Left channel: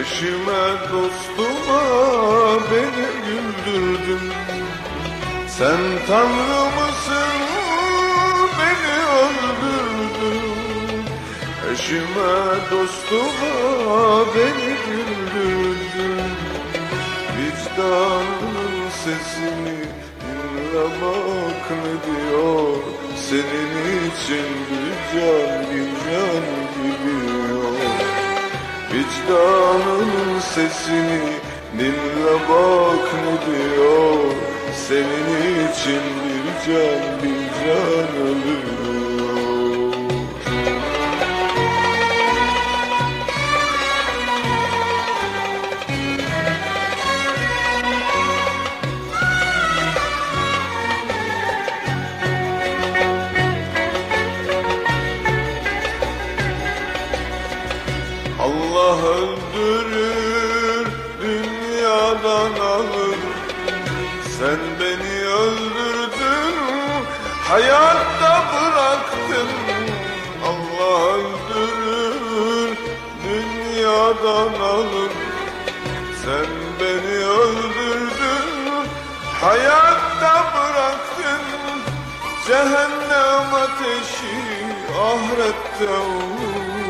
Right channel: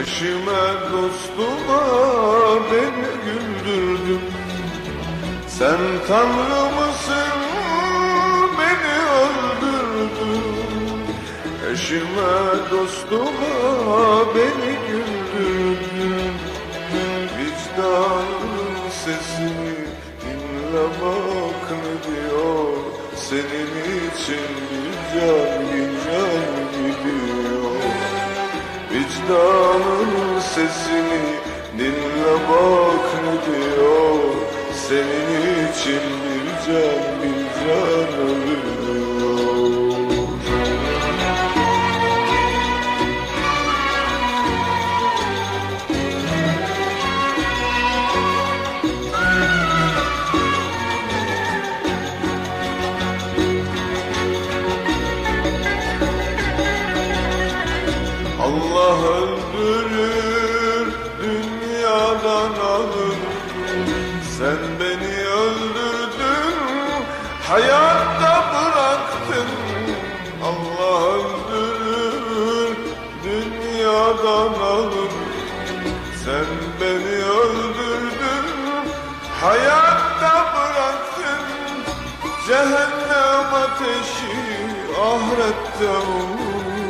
Eşime dostuma beni güldürdün. Sen Tanrı mısın beni öldürdün. Eşime dostuma beni güldürdün. Vicdanın sesini dinle bak ne diyor? Senin için bir can bir can Vicdanın sesini dinle bak ne diyor. Senin için bir can bir can ölüyor Allah öldürür, dünyadan alır. Sen beni öldürdün, hayatta bıraktın. Allah öldürür, dünyadan alır. Sen beni öldürdün, hayatta bıraktın. Cehennem ateşi ahirette olur.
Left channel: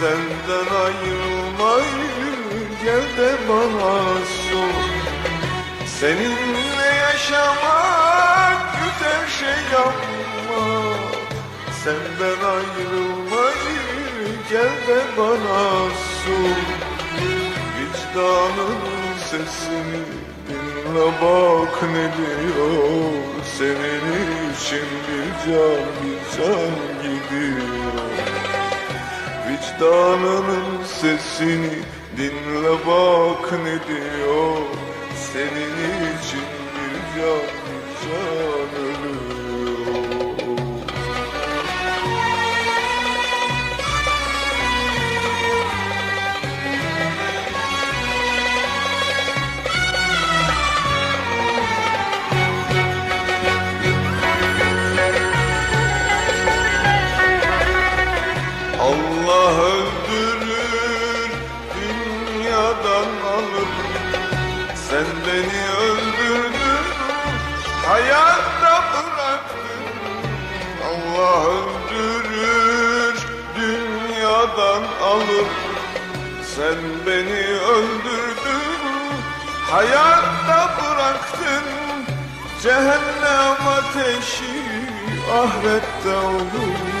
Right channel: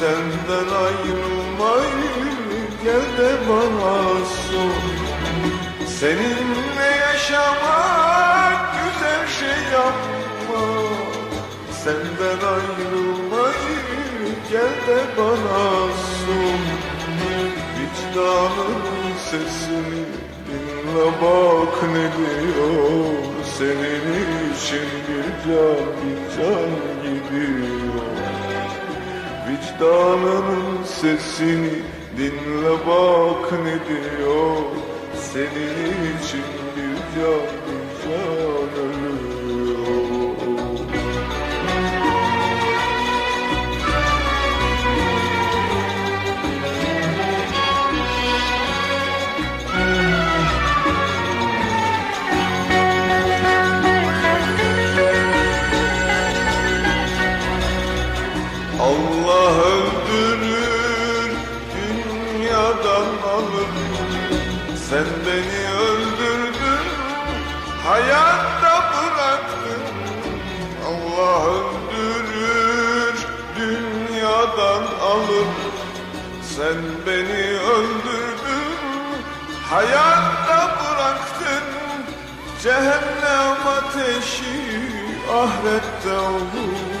Senden ayrılmayı gel de bana sor. Seninle yaşamak güzel şey ama Senden ayrılmayı gel de bana sor. Vicdanın sesini dinle bak ne diyor. Senin için bir can bir can gidiyor Vicdanının sesini dinle bak ne diyor Allah öldürür, dünyadan alır. Sen beni öldürdün, hayatta bıraktın. Allah öldürür, dünyadan alır. Sen beni öldürdün, hayatta bıraktın. Cehennem ateşi ahirette olur.